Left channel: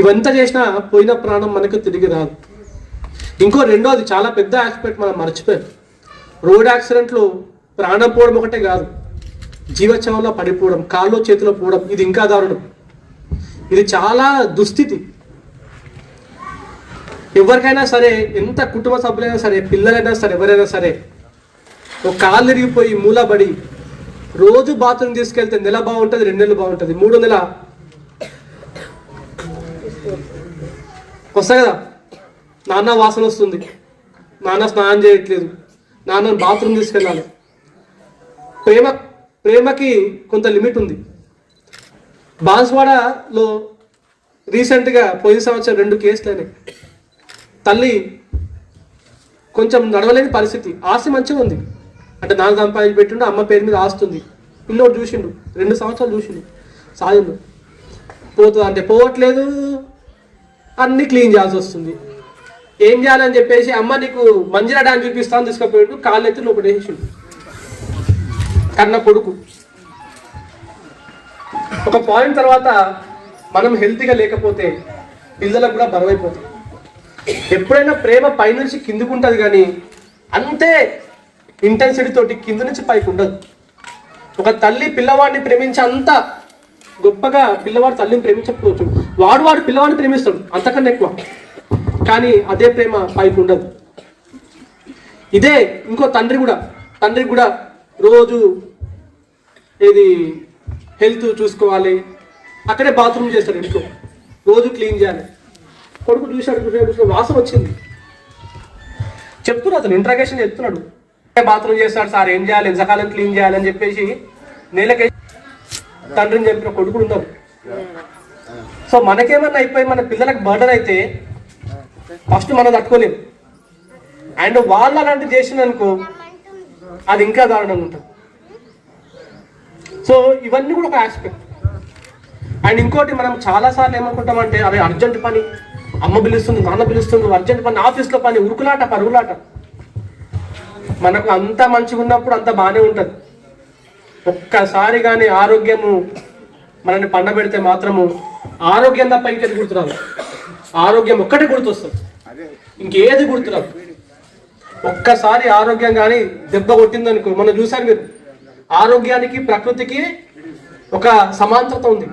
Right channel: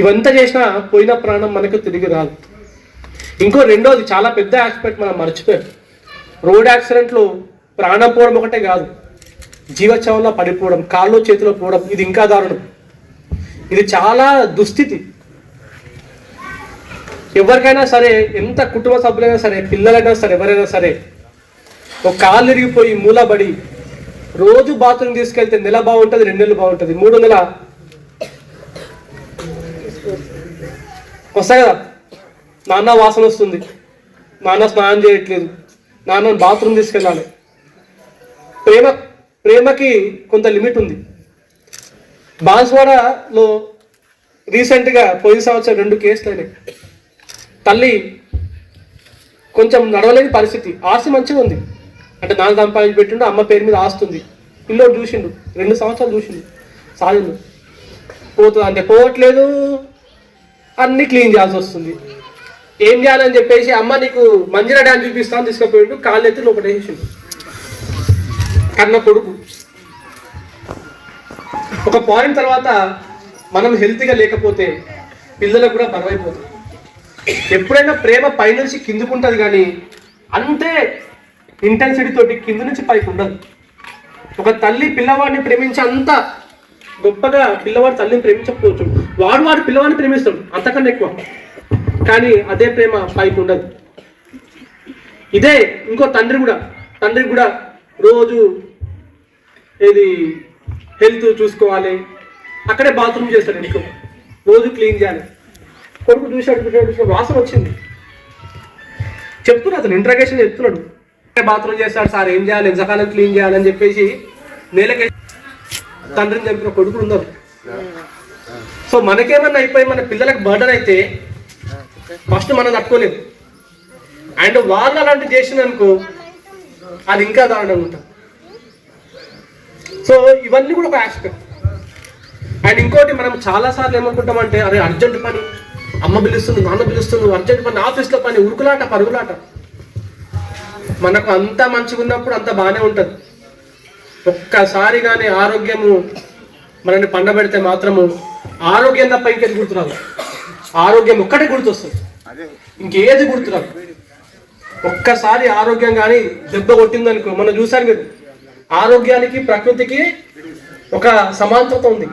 ఇవంతా చేసినా పోయిన ప్రాణం మనకు తిరిగి రాదు. ఇంకో రెండోది చాలా పెద్ద ఆస్పెక్ట్ మనం మర్చిపోయాం. రోడ్ యాక్సిడెంట్లో ప్రాణం పోవడం ఒకటే కాదు జీవచవంలో పడిపోవడం కాళ్ళు చేతిలో పోవడం ఇది ఇంకా దారుణం. ఇది చాలా దుస్థితి. ఎవరికైనా సరే ఎంత కుటుంబ సభ్యులైనా సరే పిల్లలైనా సరే ఎవరైనా సరే ఒక కాళ్ళు ఇరిగిపోయి మూలబడి రోజు బాత్రూమ్ తీసుకెళ్తే నెల బాగుంటుంది రెండు నెలలు బాగుంటుంది మూడు నెల వస్తా కదా. నాన్న వాసన వస్తుంది. నాన్న స్నానం చేయట్లేదు. నాన్నను బాత్రూమ్ తీసుకెళ్ళాలి. ప్రేమ ప్రేమకి కొంత లిమిట్ ఉంది. బాన్స్వాడలో రీసెంట్గా పోయిన సంవత్సరం రెండు కేసులు అయినాయి తల్లి కొంచెం నడవలేని పరిస్థితి. ఆస్తి మంచిగా ఉంది. అంటే నాన్న సంపాదించి పెట్టిండు అమ్మ పేరు మీద ఆస్తుంది ఇల్లు చూసిండు రెండు సంవత్సరాలు చూసిండు. సాధిండు పోతుంది అంటే పోవట్లేదు అన్ని క్లీన్ చేయాల్సి వస్తుంది. ఏం చేయాలని చెప్పేసి అమ్మ నీకు మంజిరా డ్యాన్ చూపిస్తాను తీసుకుపోయాడు కాళ్ళు ఎత్తి లోపల కన్న కొడుకు. ఒక పాయింట్ తర్వాత మనం హెల్తీగా లేకపోతే పిల్లలకు కూడా బరువైపోతుంది ఎప్పుడైనా ప్రేమ పైనుంచి కిందికి కానీ అంతే ఇంటెన్సిటీ తోటి కింద నుంచి పైకి ఉండదు. ఒక తల్లి పిల్లవాడిని ప్రేమించే అంత గొప్పగా పిల్లవాడు తల్లిని ప్రేమించకపోవచ్చు. వాడు వాడు పిల్లవాడిని ప్రేమిస్తాడు. అంతకన్నా ఎక్కువ. కానీ అదే ప్రేమ పైకి ఉండదు. ఇదే ఇంకో తండ్రి కూడా. తండ్రి కూడా రోజు ఇది హెల్త్ చూసుకోవాలి. అక్కడే బాత్రూమ్ చేస్తాడు ఇంట్లో. రోజు క్లీన్ చేయాలి. కొడుకు చూశాడు చూశాడు చూశాడు. వాసన వచ్చింది. చెప్తున్నాడు అతను ఇంట్రాగేషన్ చెప్తున్నాడు. బాత్రూమ్ చేస్తాడు సార్ ఏం చేయాలి? ఎంతకాలం క్లీన్ చేయాలని చెప్పేసి నేలకే తండ్రిని చంపిన కొడుకులు ఉన్నారు సో మనకేమన్నా అయిపోయి మన పిల్లలకు మర్డర్ అయితే ఫస్ట్ మనం తట్టుకోలేము అండ్ వాళ్ళు అలాంటివి చేసిందనుకో అది ఇంకా దారుణంగా ఉంటుంది. సో ఇవన్నీ కూడా ఒక ఆస్పెక్ట్ అండ్ ఇంకోటి మనం చాలా సార్లు ఏమనుకుంటామంటే అరే అర్జెంట్ పని అమ్మ పిలుస్తుంది నాన్న పిలుస్తుంది అర్జెంట్ పని ఆఫీస్లో పని ఉరుకులాట పరుగులాట. మనకు అంత మంచిగా ఉన్నప్పుడు అంత బాగానే ఉంటుంది. ఒక్కసారి కానీ ఆరోగ్యము మనల్ని పండబెడితే మాత్రము ఆరోగ్యం తప్ప ఇంకేది గుర్తురాదు. ఆరోగ్యం ఒక్కటే గుర్తొస్తుంది. ఇంకేది గుర్తురాదు. ఒక్కసారి ఆరోగ్యం కానీ దెబ్బ కొట్టిందనుకో మనం చూసాను మీరు. ఆరోగ్యానికి ప్రకృతికి ఒక సమాంతరత ఉంది.